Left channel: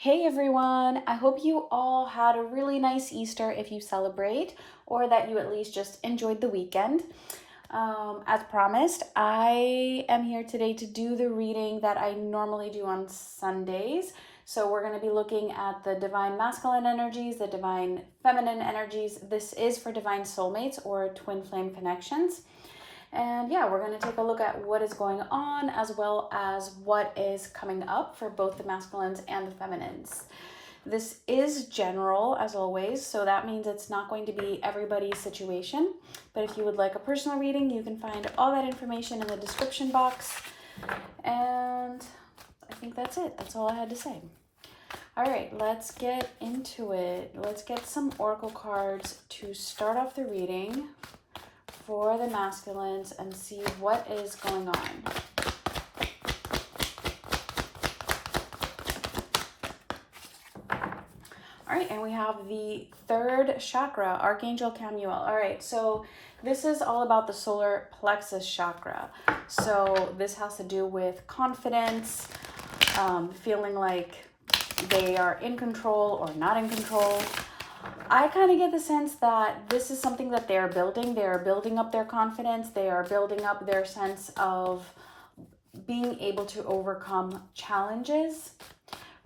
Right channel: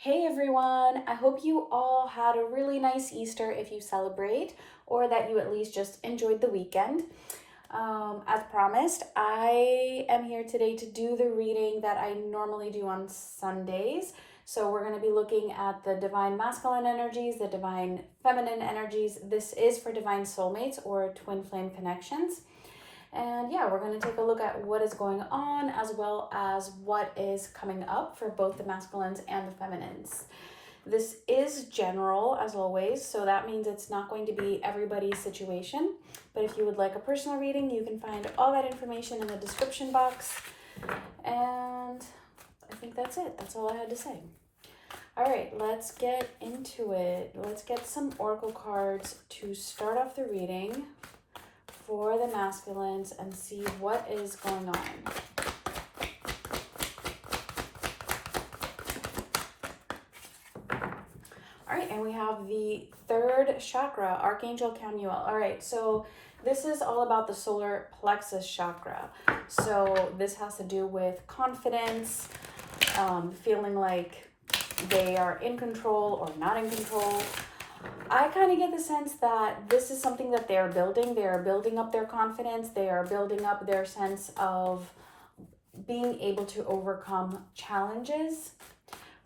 Hey everyone, I hope you all had a really nice Easter if you celebrate, or that you at least just enjoyed the weekend. As promised, I am here today to do the reading that I normally do on Sundays. So we're going to be looking at the divine masculine energies, the divine feminine energies. This is for divine soulmates or twin flame connections. And yeah, we're going to take a look at what is going on as well as what is coming up for both the masculines and the feminines. This is general as always, so that means it's not going to be everybody's situation. But if you would like a personal reading, you can find all that information in the description box. And I think that's it. That's all I had to say. All right, let's get into it. Let's get some oracle cards to start off the reading for the masculines and see what is going on. All right, and we have the third chakra, Archangel Camuel. All right, so this is all about the solar plexus chakra. So this has to do with confidence, feeling like they are in control or not in control. I kind of get the sense that this is something that they're building. They are building up their confidence. They are building up their sense of being able to overcome challenges.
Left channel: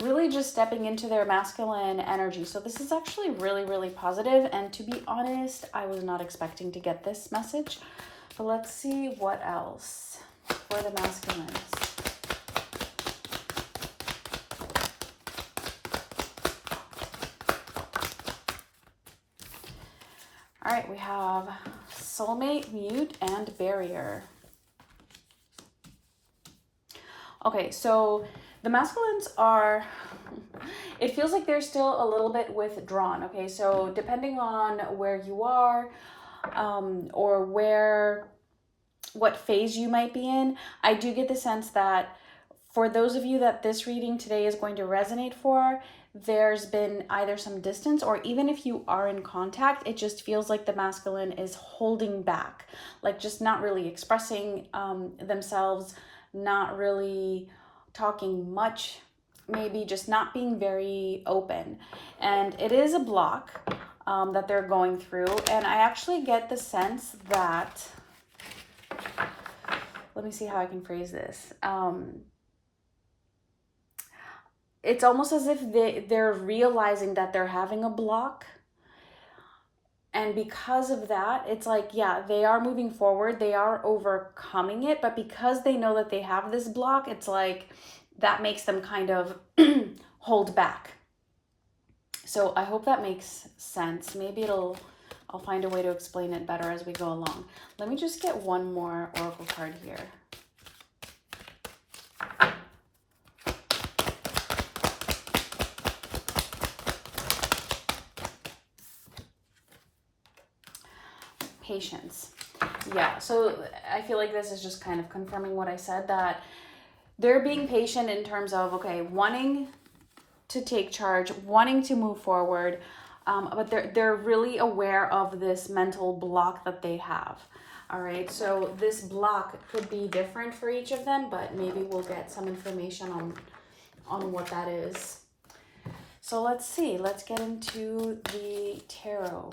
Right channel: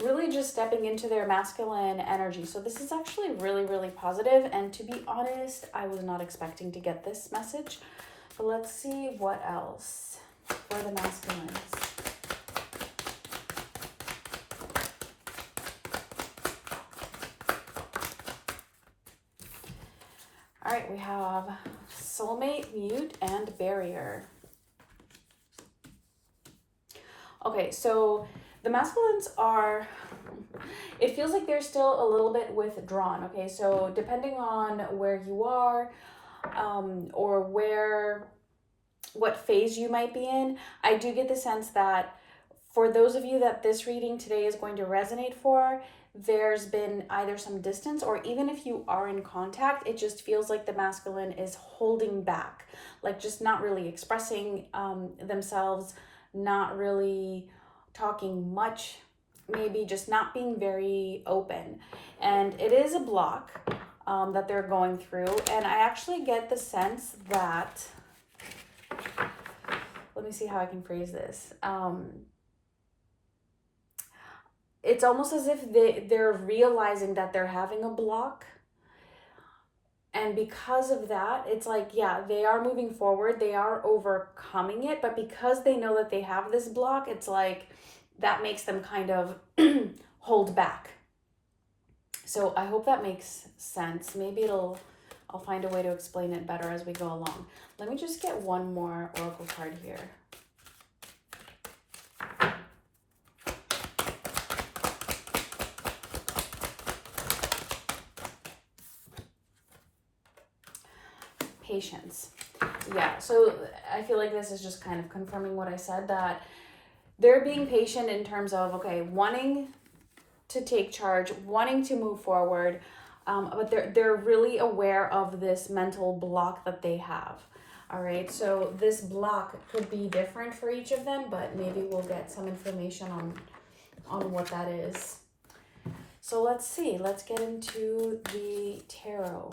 Really just stepping into their masculine energy. So this is actually really, really positive. And to be honest, I was not expecting to get this message. But let's see what else for the masculines. All right, we have soulmate, mute, and barrier. Okay, so the masculines are, it feels like they're still a little bit withdrawn. Okay, so depending on where you are or what phase you might be in, I do get the sense that for those of you that this reading today is going to resonate for, there's been either some distance, or even if you are in contact, it just feels like the masculine is holding back, like just not really expressing themselves, not really talking much, maybe just not being very open. And it is a block that they're going through. And I actually get the sense that, let me see how I can phrase this. It's almost as if they're realizing that they're having a block. And because of that, it's like, yeah, they are moving forward. They are overcoming it. But because they know that they have this block, it's like that makes them kind of hold back. So I hope that makes sense. Maybe I'll find a way to explain it better as we go along. Let me just get one more oracle card here. Patience. Yeah, so I feel like this is just kind of confirming what I said, that they're being patient in terms of, okay, wanting to take charge, wanting to move forward, but they're really aware of this mental block that they have. All right, so this block could be different for each of them, but maybe we'll get some information on what that is. So let's see, let's get into the tarot.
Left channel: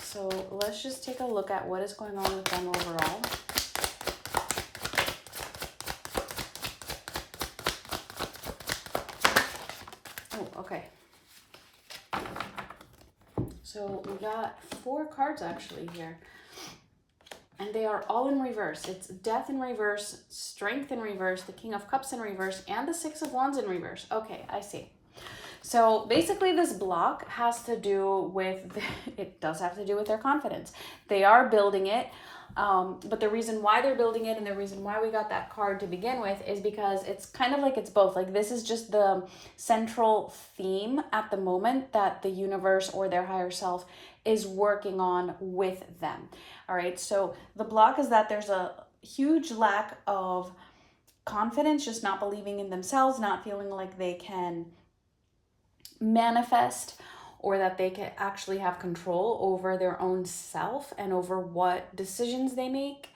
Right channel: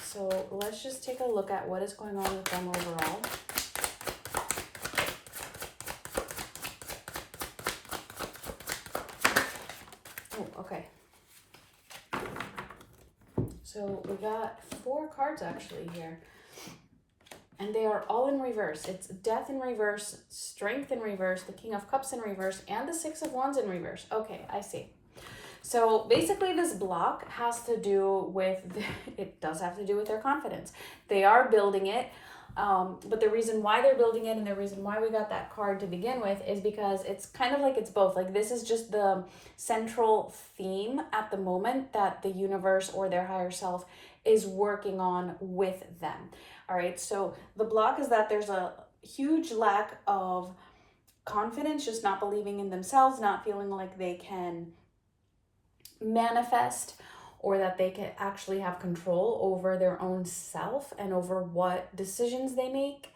So let's just take a look at what is going on with them overall. Oh, okay. So we got 4 cards actually here. And they are all in reverse. It's Death in reverse, Strength in reverse, the King of Cups in reverse, and the 6 of Wands in reverse. Okay, I see. So basically this block has to do with, it does have to do with their confidence. They are building it, but the reason why they're building it and the reason why we got that card to begin with is because it's kind of like it's both. Like this is just the central theme at the moment that the universe or their higher self is working on with them. All right, so the block is that there's a huge lack of confidence, just not believing in themselves, not feeling like they can manifest or that they can actually have control over their own self and over what decisions they make.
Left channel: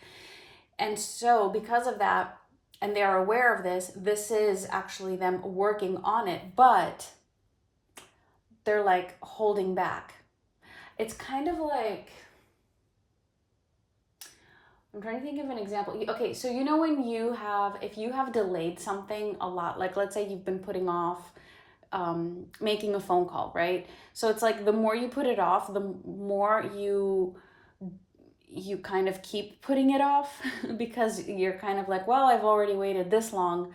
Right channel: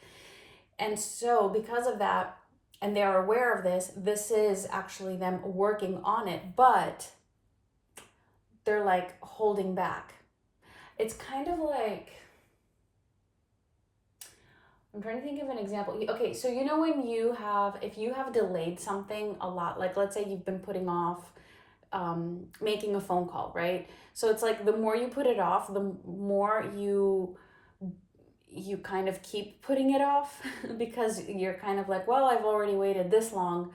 And so because of that, and they're aware of this, this is actually them working on it, but they're like holding back. It's kind of like, I'm trying to think of an example. Okay, so you know when you have, if you have delayed something a lot, like let's say you've been putting off making a phone call, right? So it's like the more you put it off, the more you kind of keep putting it off because you're kind of like, well, I've already waited this long,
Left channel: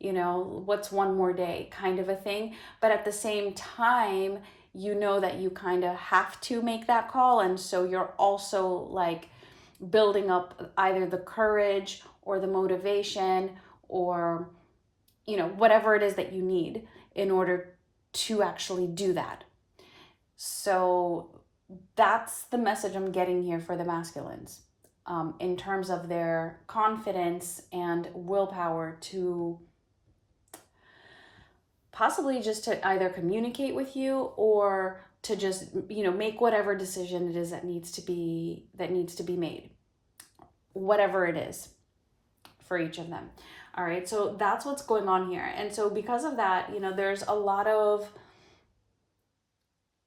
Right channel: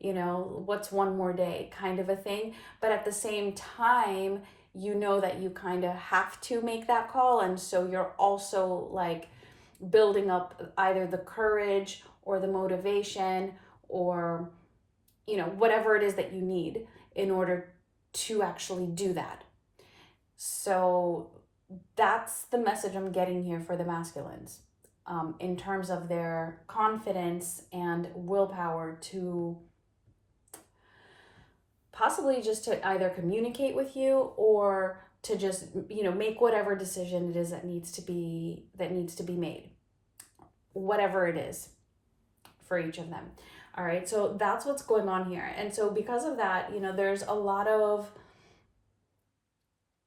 you know, what's one more day kind of a thing. But at the same time, you know that you kind of have to make that call. And so you're also like building up either the courage or the motivation or, you know, whatever it is that you need in order to actually do that. So that's the message I'm getting here for the masculines, in terms of their confidence and willpower to possibly just to either communicate with you or to just, you know, make whatever decision it is that needs to be made, whatever it is for each of them. All right, so that's what's going on here. And so because of that, you know, there's a lot of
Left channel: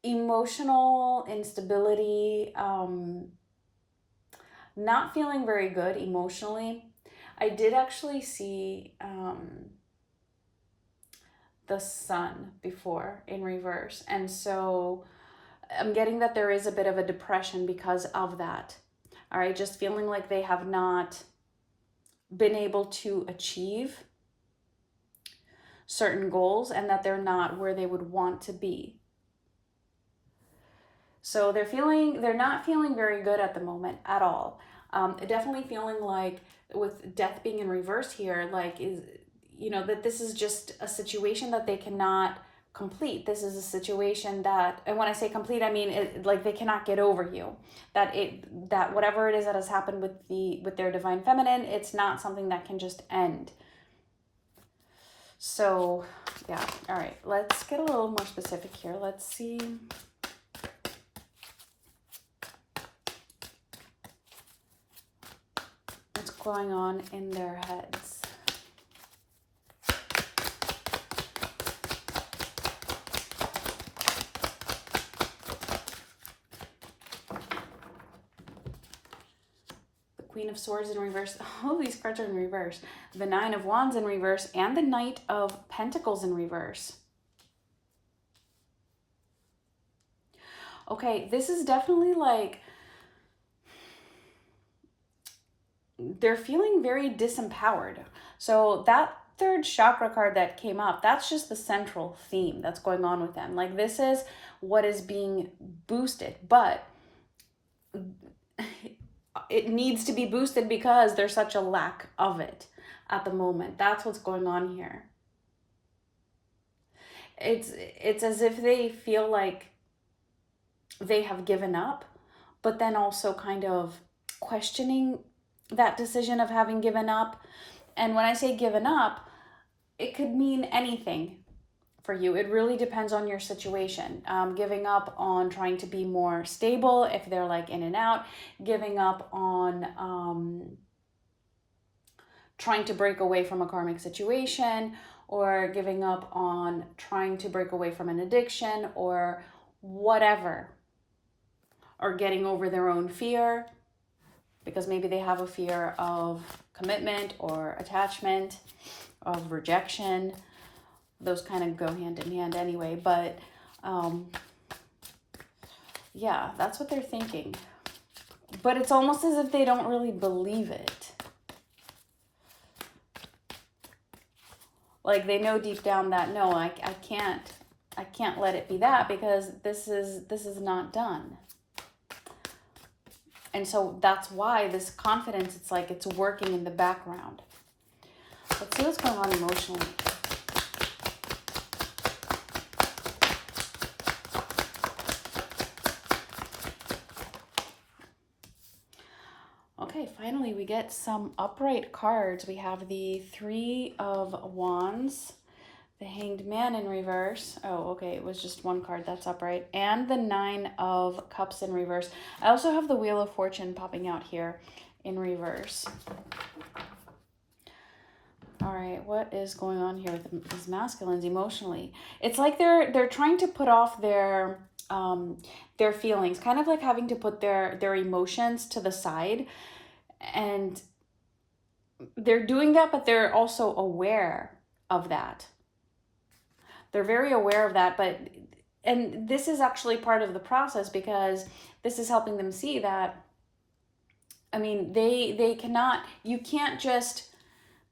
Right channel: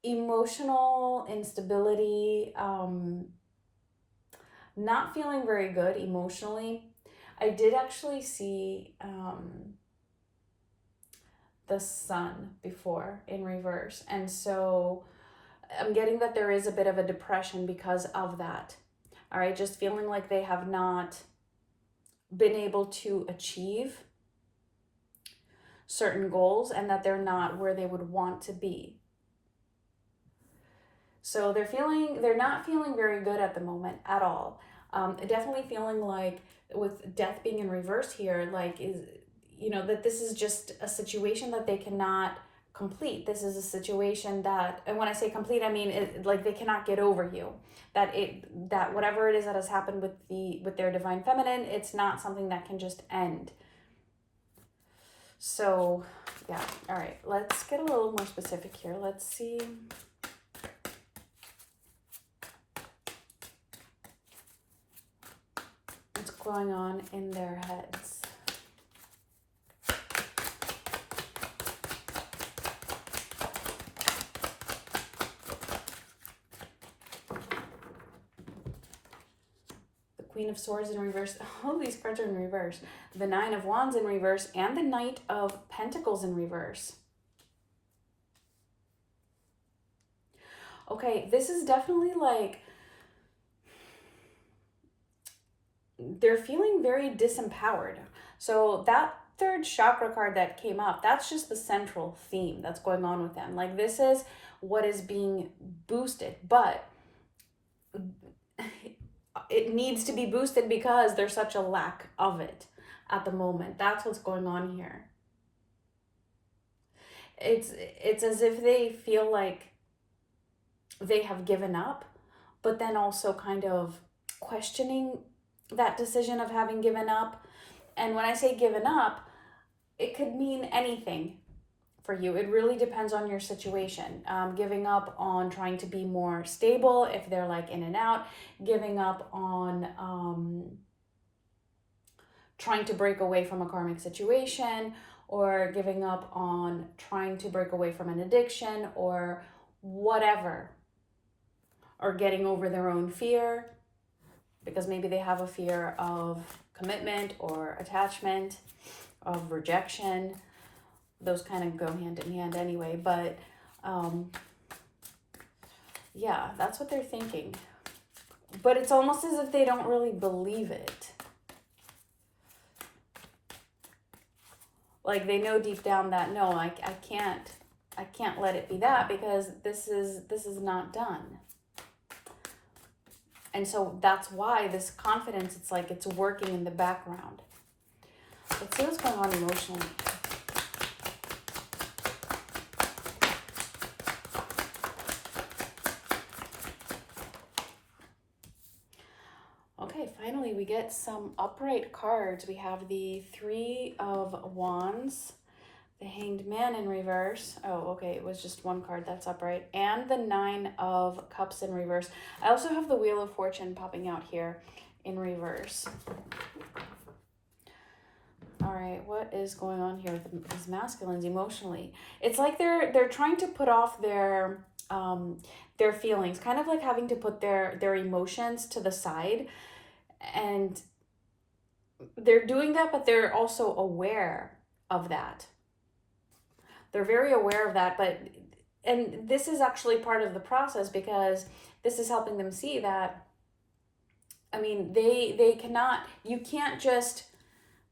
emotional instability, not feeling very good emotionally. I did actually see the sun before in reverse, and so I'm getting that there is a bit of a depression because of that. All right, just feeling like they have not been able to achieve certain goals and that they're not where they would want to be. So they're not feeling very good at the moment at all. Definitely feeling like with death being in reverse here, like is, you know, that this is just a situation that they cannot complete. This is a situation that, and when I say complete, I mean like they cannot get over you. That whatever it is that has happened with their divine feminine, it's not something that can just end. So yeah, all right, let's get a little more specific here. Let's see. What's going on in their heads. Queen of Swords in reverse. All these cards are in reverse. The Nine of Wands in reverse and the Knight of Pentacles in reverse. Okay, this is definitely like they're feeling very disempowered. So that third chakra card that came up, that's just the central theme that's going on with them. Like this is what is being boosted, but it needs to be boosted because there's such a lack of it at the moment. That's what's going on here. It's as if they feel like they have given up, but then also kind of questioning that decision of having given up. And when I say given up, it could mean anything for you. It really depends on your situation. Giving up on trying to be more stable if they're like in and out, giving up on trying to break away from a karmic situation, or giving up on trying to break away from an addiction or whatever, or getting over their own fear because maybe they have a fear of commitment or attachment, of rejection. Those kind of go hand in hand anyway, but yeah, that's what they're thinking. But it's almost as if they don't really believe it. Like they know deep down that no, I can't let it be that because this is not done. And so that's why this confidence, it's like it's working in the background. Let's see what's going on emotionally. Okay, finally we get some upright cards. We have the Three of Wands, The Hanged Man in reverse. Oh, okay, it was just one card. That's upright. And the Nine of Cups in reverse. I also have the Wheel of Fortune popping out here in reverse. All right, what is going on here with these masculines emotionally? It's like they're trying to put off their feelings, kind of like having to put their emotions to the side, and they're doing that, but they're also aware of that. They're very aware of that, and this is actually part of the process, because this is helping them see that, I mean, you can't just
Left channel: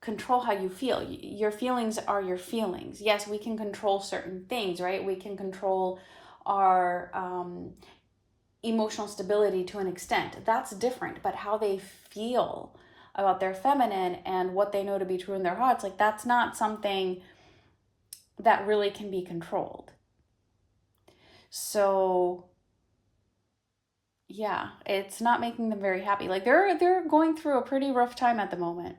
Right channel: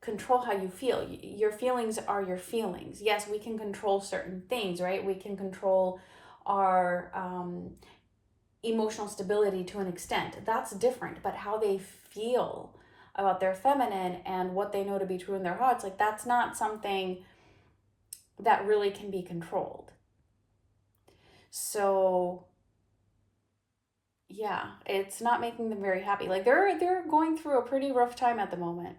control how you feel. Your feelings are your feelings. Yes, we can control certain things, right? We can control our emotional stability to an extent. That's different, but how they feel about their feminine and what they know to be true in their hearts, like, that's not something that really can be controlled. So yeah, it's not making them very happy. Like, they're going through a pretty rough time at the moment.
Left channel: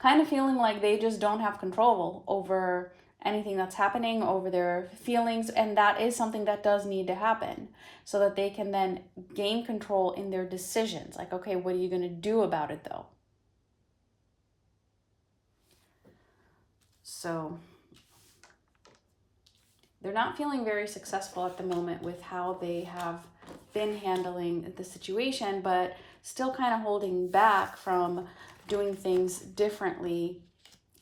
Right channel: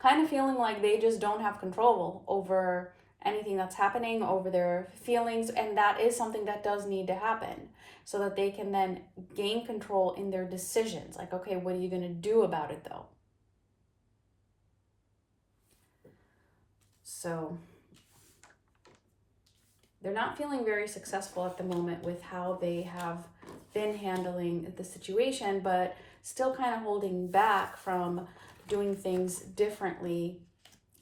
Kind of feeling like they just don't have control over anything that's happening, over their feelings, and that is something that does need to happen, so that they can then gain control in their decisions. Like, okay, what are you going to do about it though? So they're not feeling very successful at the moment with how they have been handling the situation, but still kind of holding back from doing things differently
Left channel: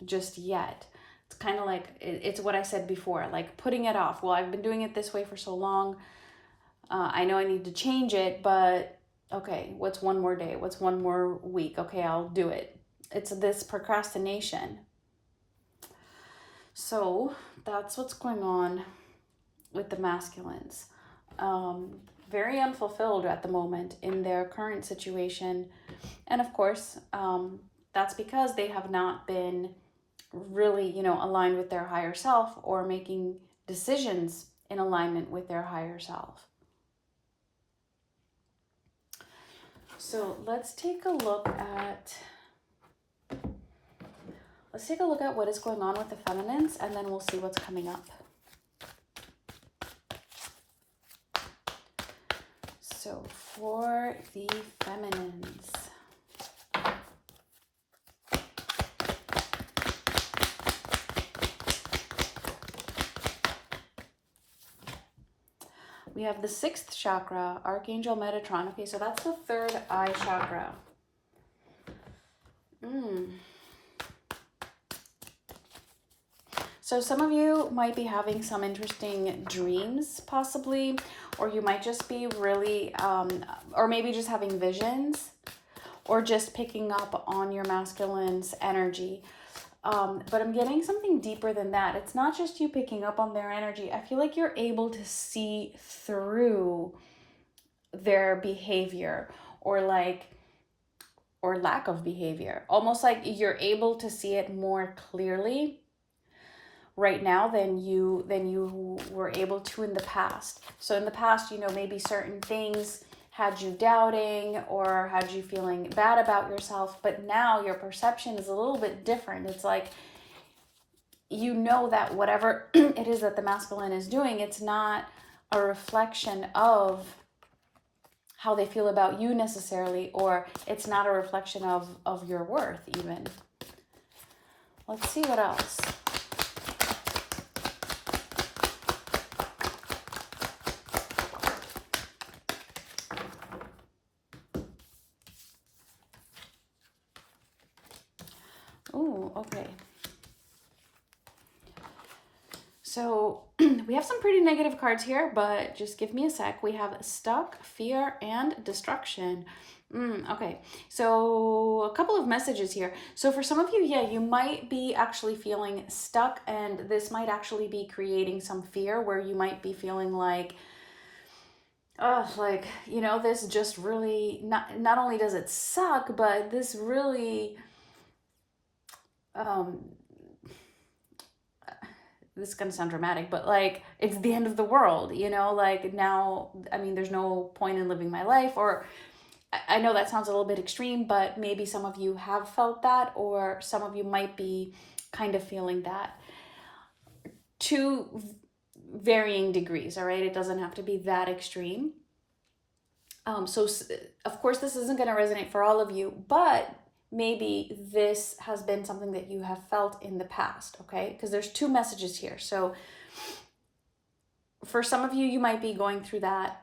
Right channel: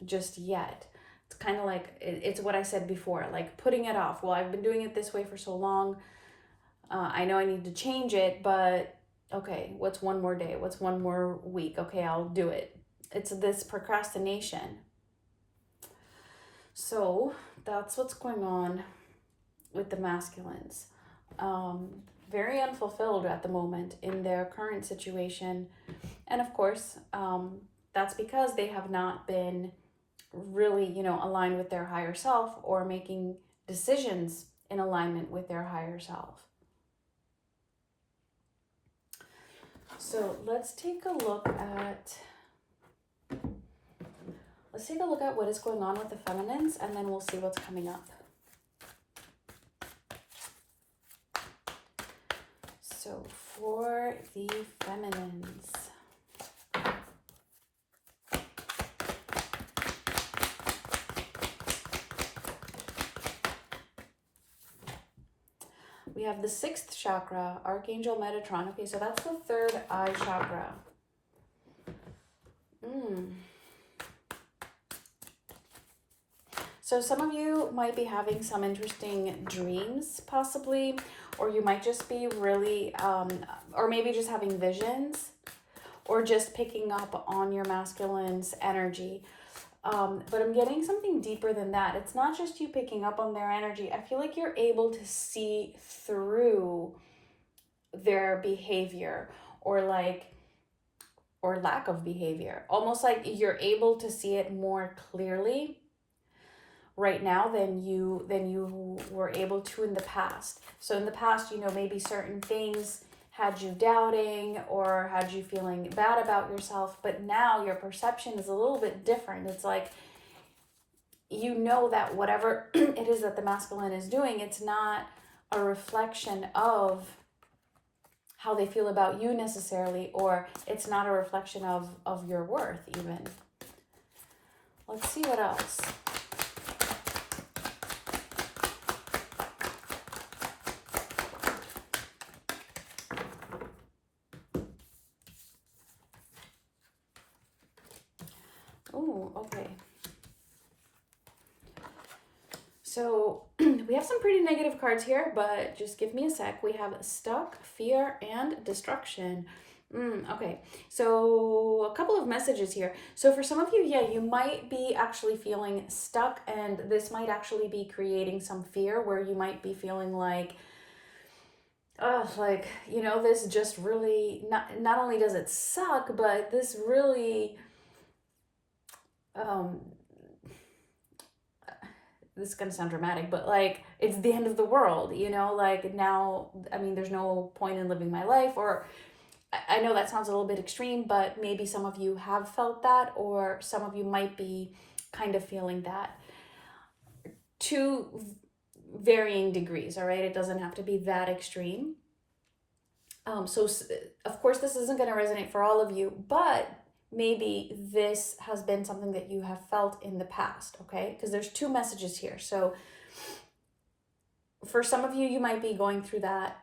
just yet. It's kind of like, it's what I said before, like putting it off. Well, I've been doing it this way for so long. I know I need to change it, but okay, what's one more day? What's one more week? Okay, I'll do it. It's this procrastination. So that's what's going on with the masculines. Very unfulfilled at the moment in their current situation. And of course, that's because they have not been really, aligned with their higher self, or making decisions in alignment with their higher self. So let's take a look at what is going on with the feminines, and then we'll see what's coming up. So for the feminines, we have the 6th chakra, Archangel Metatron. Okay, so that's the 3rd eye chakra. So some of you might be having some interesting dreams, possibly, or you might just be really, or maybe just having visions, or just picking up on your masculine's energy. But I'm getting something deeper than that. It's not just you picking up on their energy. I feel like you're able to see through their behavior, or lack of behavior. Almost like you're able to see it more clearly right now than you were able to in the past. So in the past, maybe certain things had you doubting or had you feeling bad about yourself, but now your perception is a little bit different. It's like, that whatever it is that the masculine is doing, it's not a reflection of how they feel about you necessarily, or it's not a reflection of your worth even. Let's see what else. Ooh, okay. So we have some pretty negative cards here, but just give me a sec. We have stuck, fear, and destruction. Okay, so a couple of messages here. So for some of you, yeah, you might be actually feeling stuck, and this might actually be creating some fear, where you might be feeling like, this just really, not only does it suck, but this really, this is gonna sound dramatic, but like, it's the end of the world, like now, I mean, there's no point in living my life, or I know that sounds a little bit extreme, but maybe some of you have felt that, or some of you might be kind of feeling that to varying degrees, all right? It doesn't have to be that extreme. So of course this isn't going to resonate for all of you, but maybe this has been something that you have felt in the past, okay? Because there's two messages here. So for some of you, you might be going through that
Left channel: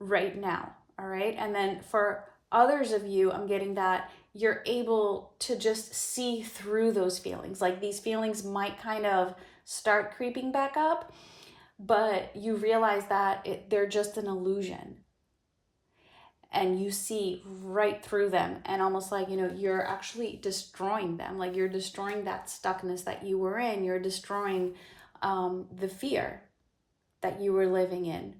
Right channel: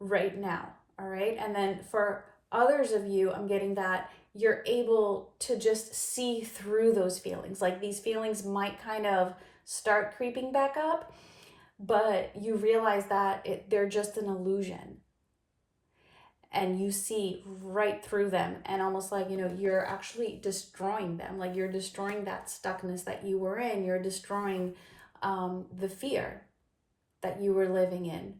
right now, all right? And then for others of you, I'm getting that you're able to just see through those feelings. Like these feelings might kind of start creeping back up, but you realize that they're just an illusion. And you see right through them, and almost like, you know, you're actually destroying them. Like you're destroying that stuckness that you were in. You're destroying the fear that you were living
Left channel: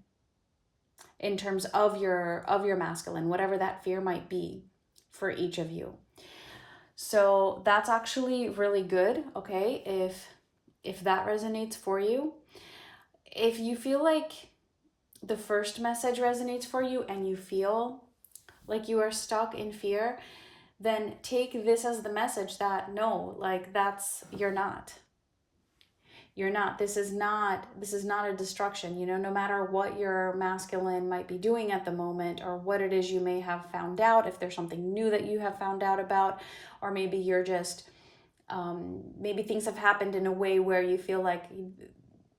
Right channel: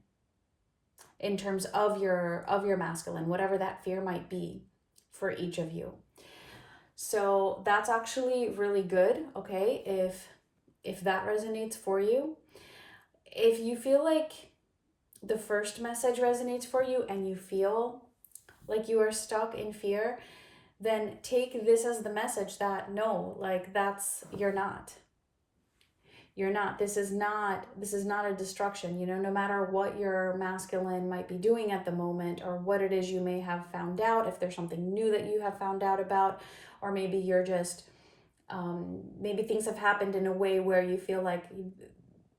in terms of your masculine, whatever that fear might be for each of you. So that's actually really good, okay? If that resonates for you. If you feel like the first message resonates for you and you feel like you are stuck in fear, then take this as the message that no, like you're not. This is not a destruction. You know, no matter what your masculine might be doing at the moment, or what it is you may have found out, if there's something new that you have found out about, or maybe you're just, maybe things have happened in a way where you feel like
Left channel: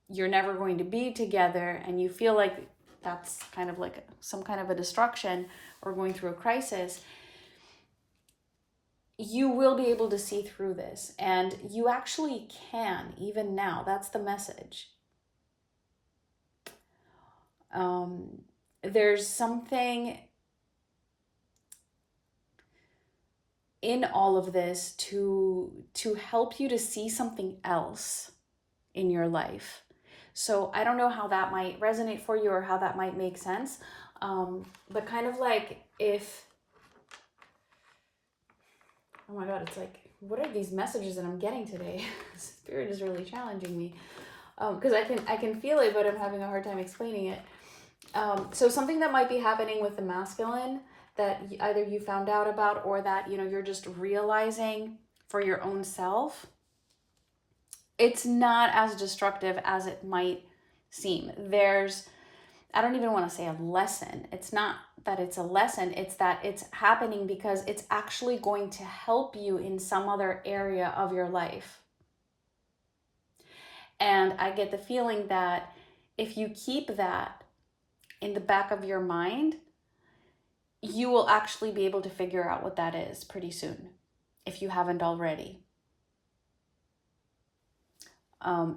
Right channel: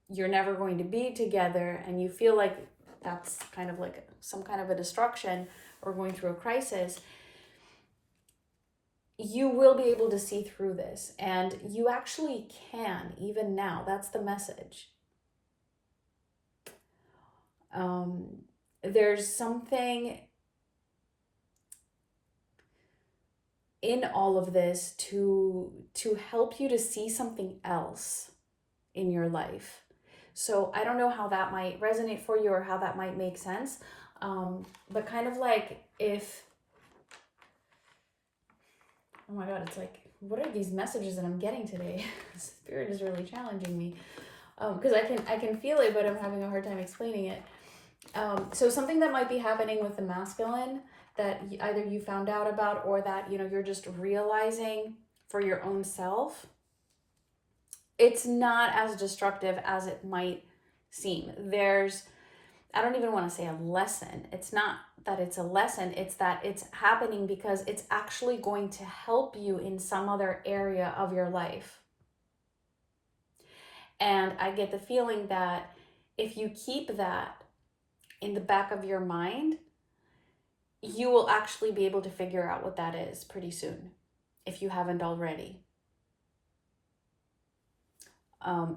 you're never going to be together, and you feel like that's kind of like some kind of a destruction or going through a crisis. You will be able to see through this, and you actually can, even now. That's the message. There's something in all of this to help you to see something else in your life. So I don't know how that might resonate for you, or how that might make sense. But kind of like if, oh my God, it's like, what are these messages that I'm getting today? Spirit is really challenging me. Because I can feel it, but I'm having a hard time explaining it. So something that might be happening with the masculine that either you found out about, or that, you know, you're just realizing for your own self, it's not as destructive as it might seem. I don't even want to say a lesson. It's not that it's a lesson, it's that it's happening because it's actually going to help you in some other area of your life. And I get the feeling that if you keep that in the back of your mind, you will actually be able to figure out what that is pretty soon, if you haven't already.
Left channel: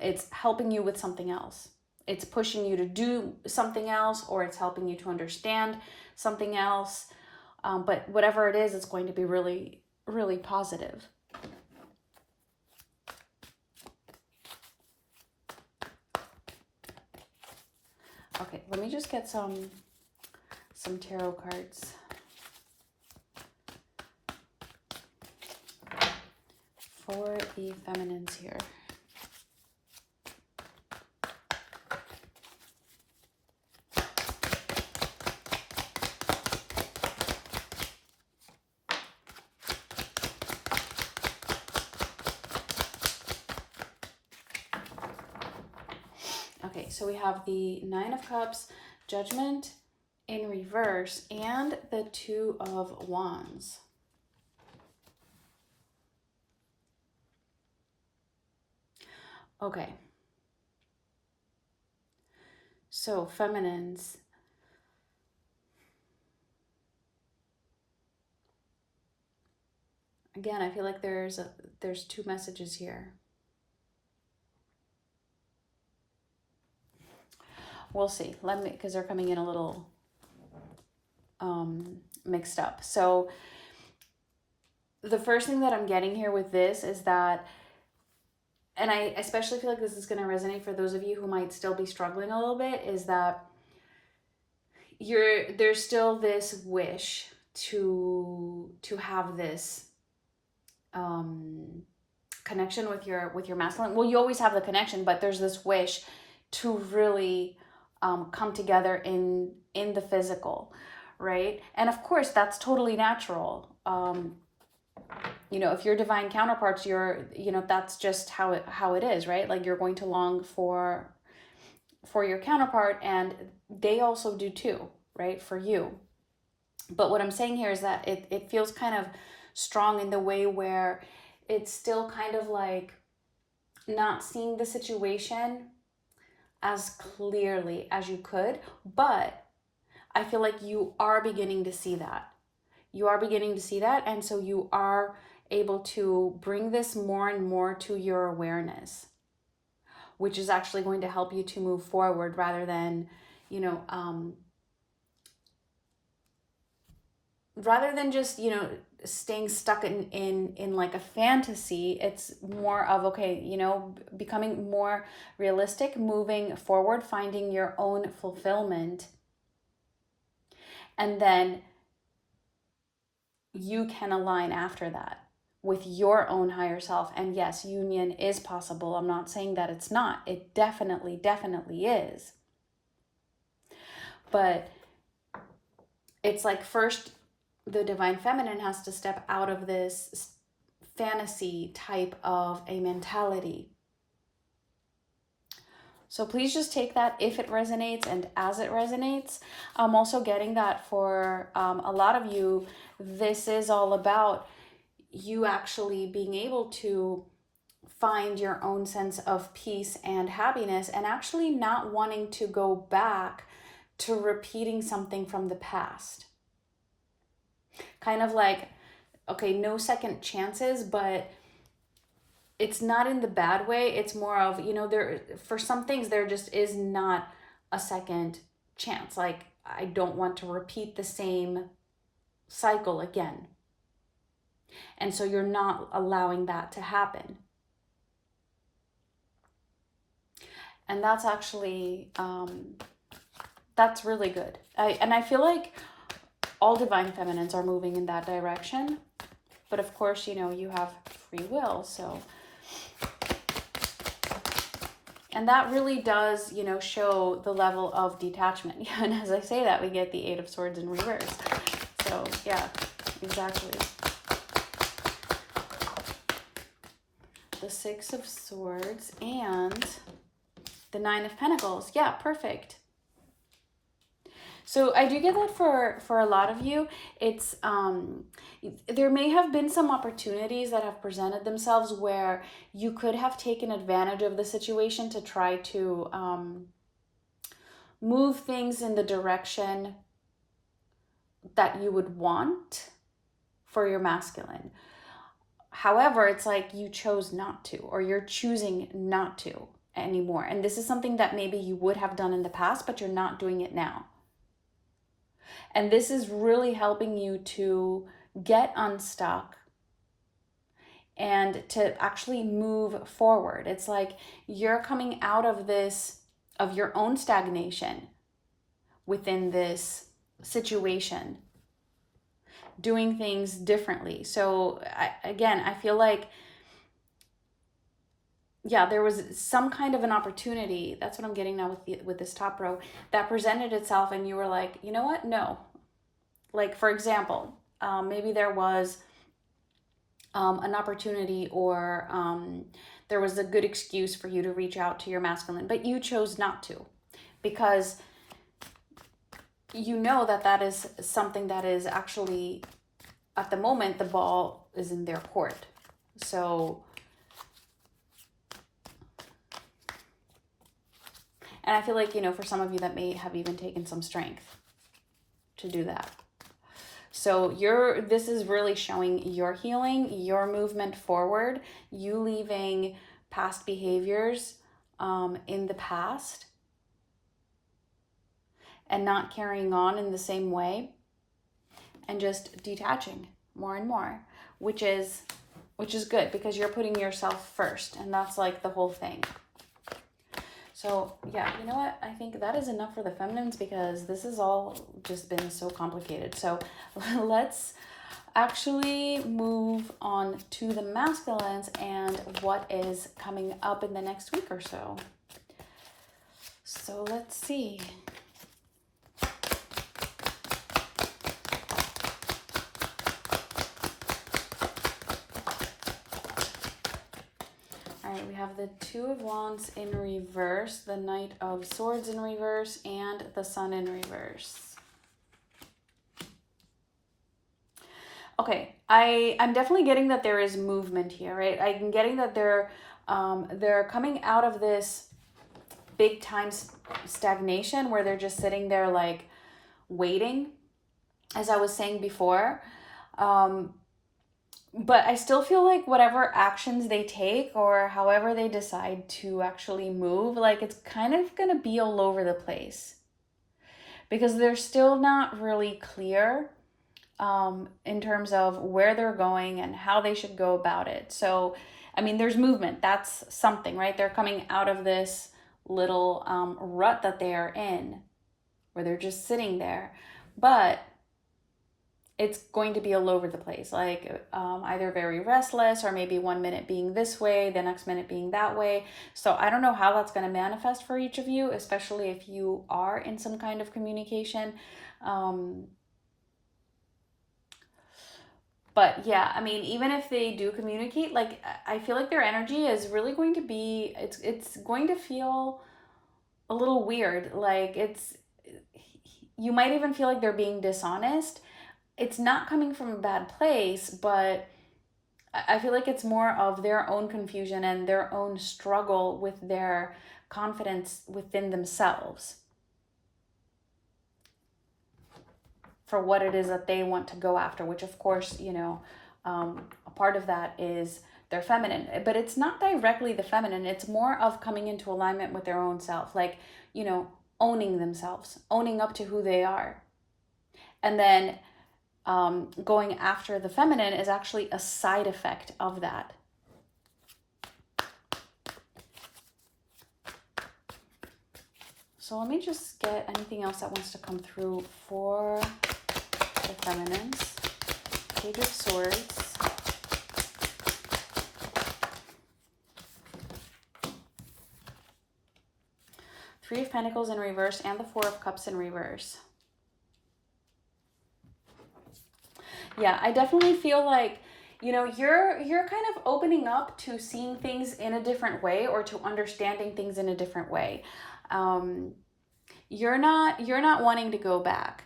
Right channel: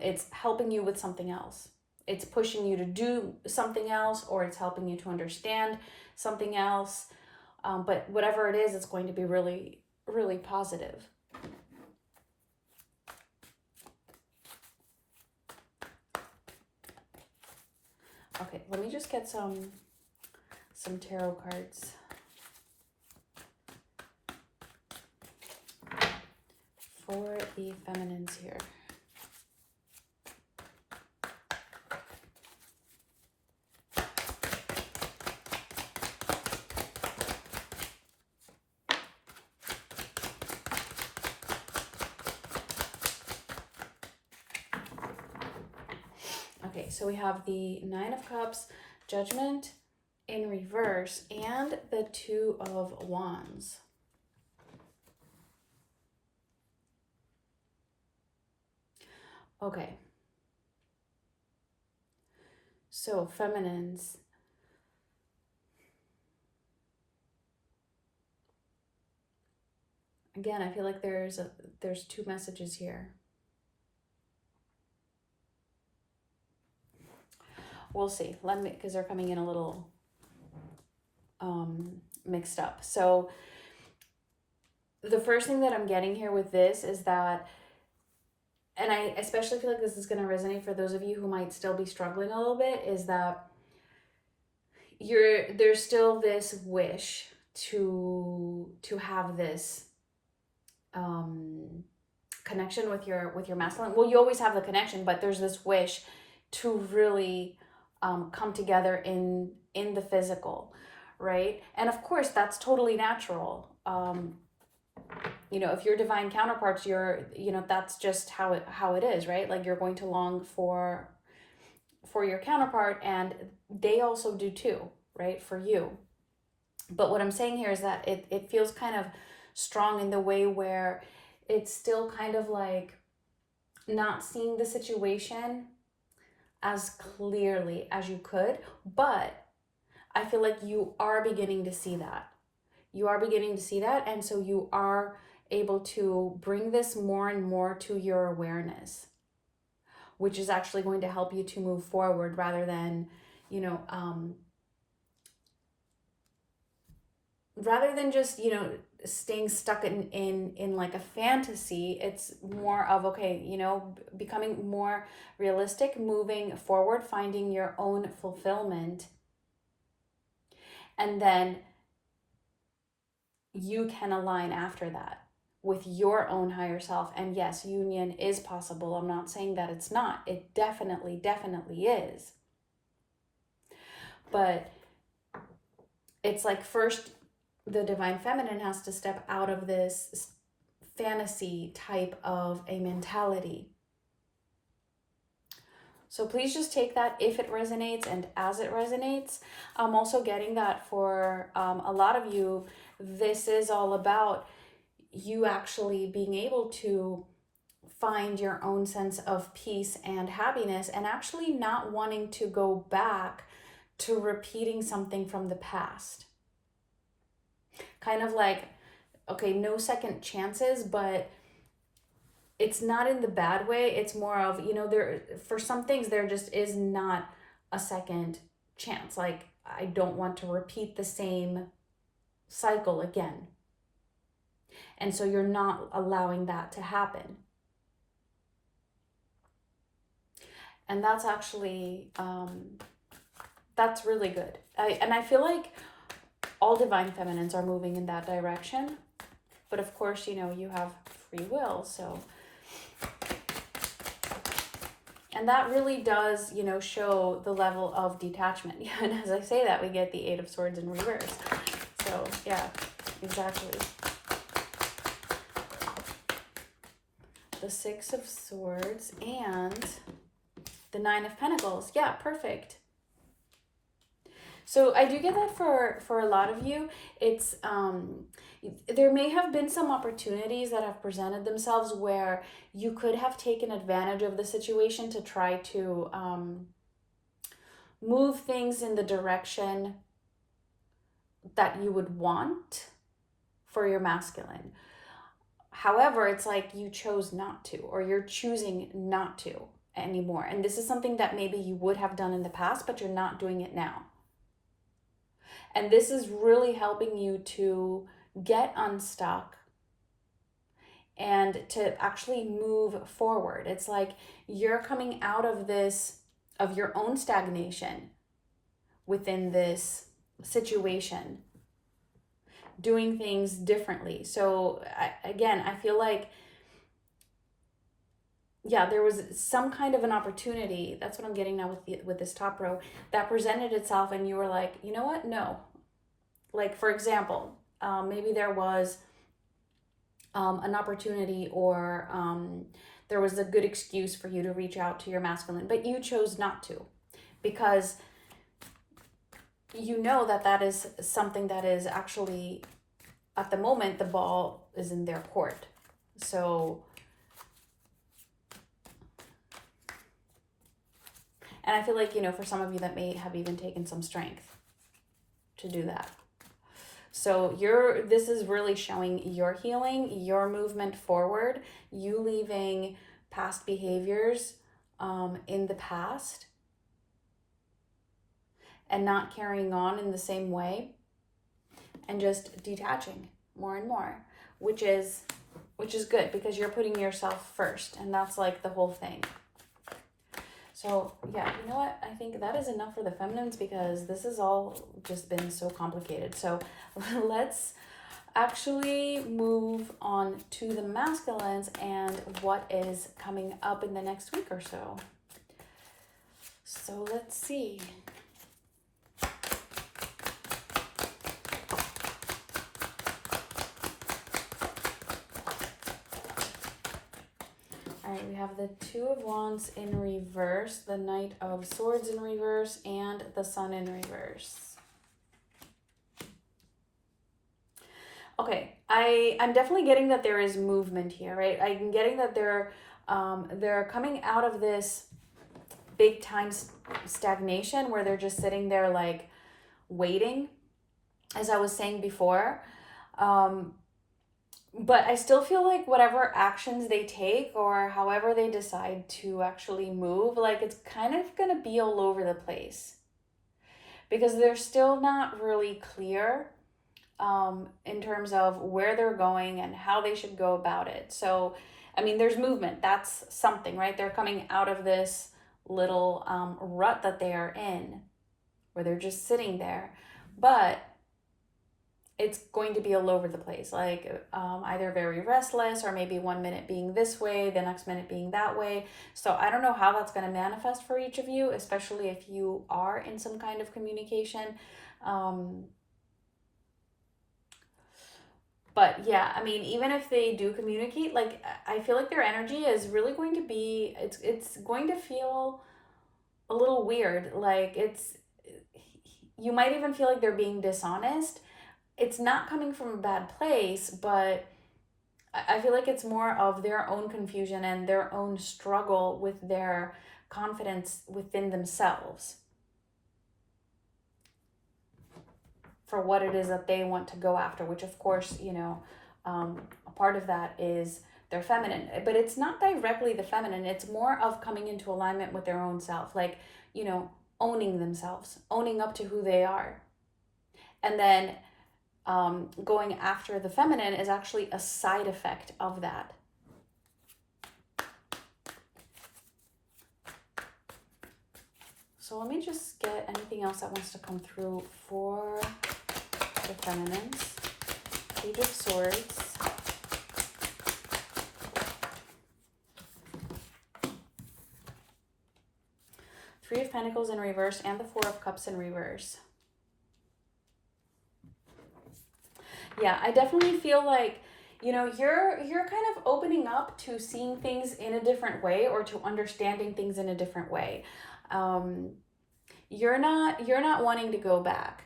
It's helping you with something else. It's pushing you to do something else, or it's helping you to understand something else. But whatever it is, it's going to be really, really positive. Okay, let me just get some tarot cards for the feminines here. Okay, so we have the Nine of Cups, Judgment in reverse, and the Two of Wands. Okay. So feminines, again, I feel like there's two messages here. We'll see. Because they're coming in a little mixed up. So the first thing that I'm getting here with this is that, and I especially feel like this is going to resonate for those of you who might still be struggling a little bit, is that there's still this wish to have this connection with your masculine. Well, you always have the connection, but there's this wish to really come together in the physical, right? And of course, that's totally natural. You know, if you're divine counterparts, that's just how it is, right? Like you're going to long for your counterpart, and they also do too, right? For you. But what I'm saying here is that it feels kind of strong in the way where it's still kind of like not seeing the situation as clearly as you could, but I feel like you are beginning to see that. You are beginning to see that, and so you are able to bring this more and more to your awareness, which is actually going to help you to move forward rather than, just, staying stuck in like a fantasy. It's more of, okay, becoming more realistic, moving forward, finding your own fulfillment. And then you can align after that with your own higher self. And yes, union is possible. I'm not saying that it's not. It definitely, definitely is. But it's like, first, the divine feminine has to step out of this fantasy type of a mentality. So please just take that if it resonates and as it resonates. I'm also getting that for a lot of you, this is all about you actually being able to find your own sense of peace and happiness, and actually not wanting to go back to repeating something from the past. Kind of like, okay, no second chances, but it's not in the bad way. It's more of, there, for some things, there just is not a second chance. Like, I don't want to repeat the same cycle again. And so you're not allowing that to happen. And that's actually, that's really good. And I feel like all divine feminines are moving in that direction. But of course, you have free will, so. And that really does, show the level of detachment. And as I say that, we get the Eight of Swords in reverse. So, yeah, exactly. The Six of Swords and the Nine of Pentacles. Yeah, perfect. So I do get that for a lot of you. It's there may have been some opportunities that have presented themselves where you could have taken advantage of the situation to try to move things in the direction that you would want for your masculine. However, it's like you chose not to, or you're choosing not to anymore. And this is something that maybe you would have done in the past, but you're not doing it now. And this is really helping you to get unstuck and to actually move forward. It's like you're coming out of this, of your own stagnation within this situation, doing things differently. So I feel like, yeah, there was some kind of an opportunity. That's what I'm getting now with this top row that presented itself, and you were like, you know what? No. Like, for example, maybe there was an opportunity, or there was a good excuse for you to reach out to your masculine, but you chose not to, because you know that is something that is actually, at the moment, the ball is in their court. So, and I feel like, for some of you that may have even taken some strength to do that. So this is really showing your healing, your movement forward, you leaving past behaviors in the past and not carrying on in the same way, and just detaching more and more, which is good, because you're putting yourself first, and that's like the whole thing. So yeah, you know what? I think that is enough for the feminines, because this has all just been so complicated. So let's actually move on to the masculines and what is coming up in the next week or so. So let's see. the Two of Wands in reverse, the Knight of Swords in reverse, and the Sun in reverse. Okay, I'm definitely getting that there is movement here, right? I'm getting that they're coming out of this big time stagnation where they're just sitting there like waiting, as I was saying before. But I still feel like whatever actions they take or however they decide to actually move, like it's kind of going to be all over the place because they're still not really clear in terms of where they're going and how they should go about it. So, I mean, there's movement. That's something, right? They're coming out of this little rut that they are in where they're just sitting there. But it's going to be all over the place, like either very restless or maybe 1 minute being this way, the next minute being that way. So I don't know how that's going to manifest for each of you, especially if you are in some kind of communication. But yeah, I mean, even if they do communicate, like I feel like their energy is really going to be, it's going to feel a little weird. Like you might even feel like they're being dishonest. It's not coming from a bad place, but I feel like it's more of their own confusion and their own struggle with their confidence within themselves for what it is that they want to go after, which of course, you know, a part of that is their feminine, but it's not directly the feminine. It's more of coming into alignment with their own self, like, you know, owning themselves, owning up to who they are. And then going after the feminine is actually a side effect of that. So let me just get anything else that wants to come through for the feminines. Page of Swords. Three of Pentacles in reverse and the Four of Cups in reverse. Yeah, I definitely feel like, you know, you're kind of opening up to seeing things in a different way or to understanding things in a different way. You're not wanting to go back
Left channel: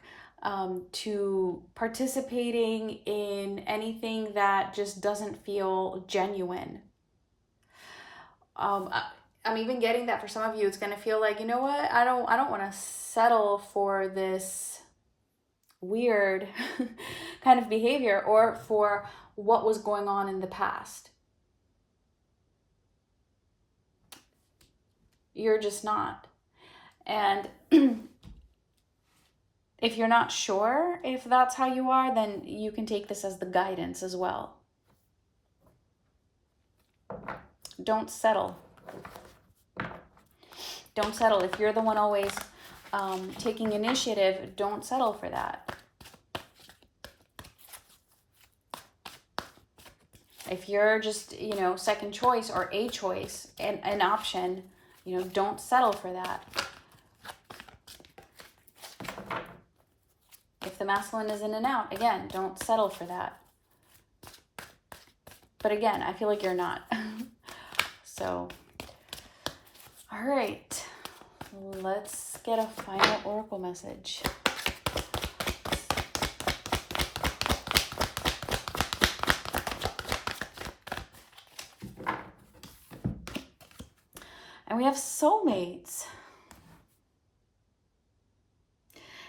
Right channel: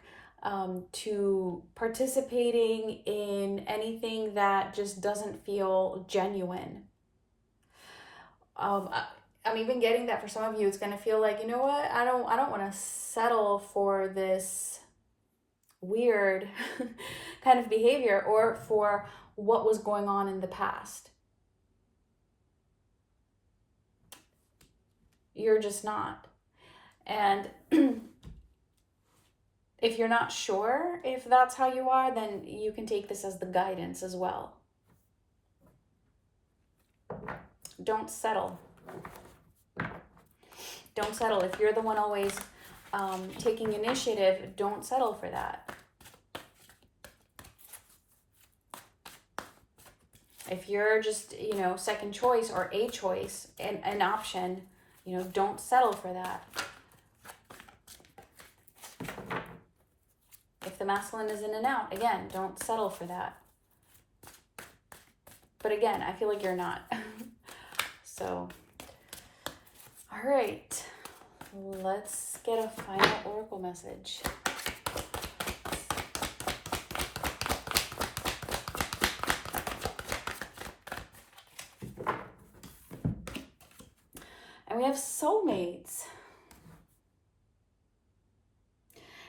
to participating in anything that just doesn't feel genuine. I'm even getting that for some of you, it's going to feel like, you know what, I don't want to settle for this weird kind of behavior or for what was going on in the past. You're just not. And if you're not sure if that's how you are, then you can take this as the guidance as well. Don't settle. Don't settle. If you're the one always taking initiative, don't settle for that. If you're just, you know, second choice or a choice, an option, you know, don't settle for that. If the masculine is in and out, again, don't settle for that. But again, I feel like you're not. So, all right. Let's get a final oracle message. And we have soulmates.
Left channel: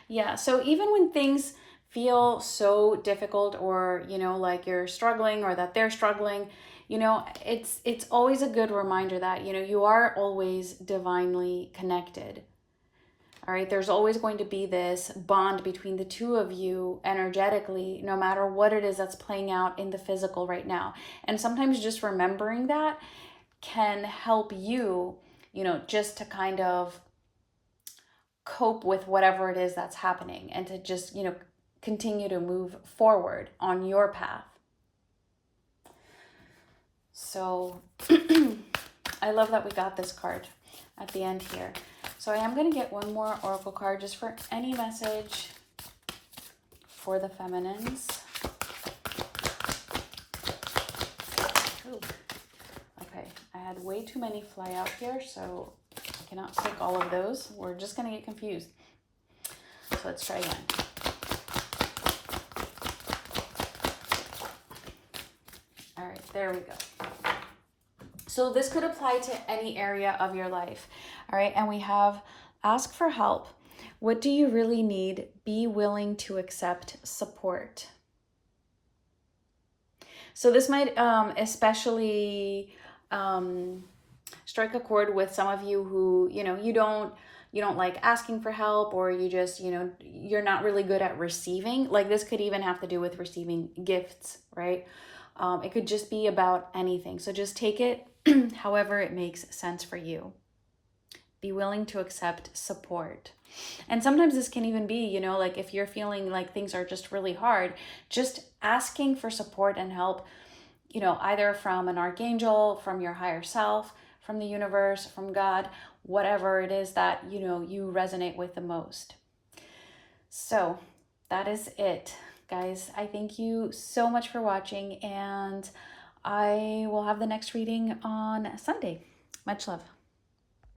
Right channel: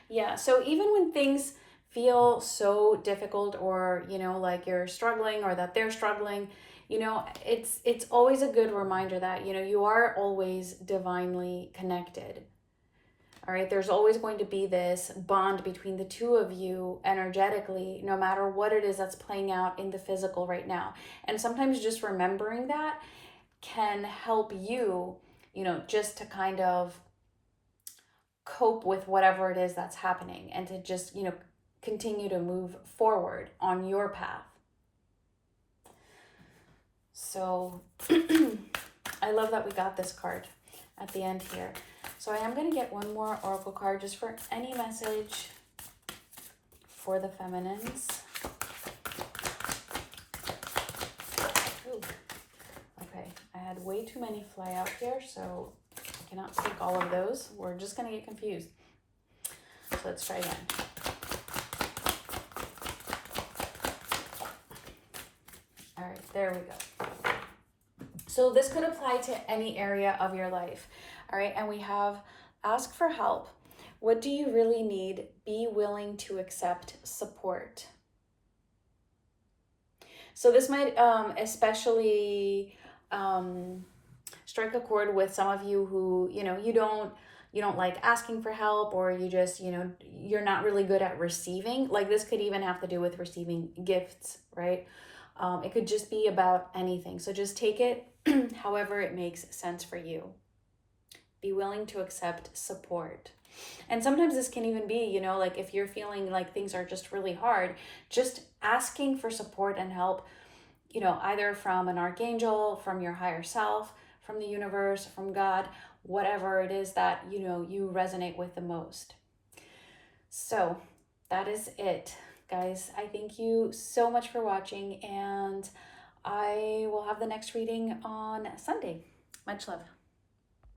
Yeah, so even when things feel so difficult or, you know, like you're struggling or that they're struggling, you know, it's always a good reminder that, you know, you are always divinely connected. All right, there's always going to be this bond between the two of you energetically, no matter what it is that's playing out in the physical right now. And sometimes just remembering that can help you, you know, just to kind of cope with whatever it is that's happening and to just, you know, continue to move forward on your path. So I love that we got this card at the end here. So I am going to get one more oracle card just for any message for the feminines. Ooh. Okay, I had way too many fly out here, so I cannot take all of those. We're just going to get confused. So let's try again. All right, there we go. So this could apply to any area of your life. All right, and we have ask for help. What do you really need? Be willing to accept support. So this might especially strike a chord with some of you who, you don't like asking for help, or you just, you're not really good at receiving. Like this could even have to do with receiving gifts, right? It could just be about anything. So just take it however it makes sense for you. Be willing to accept support. And sometimes this can even be, like if you're feeling like things are just really hard, just asking for support and help, either from an archangel, from your higher self, from the universe, from God, whatever it is that, you resonate with the most. So that is it, guys. I thank you so much for watching, and I will have the next reading on Sunday. Much love.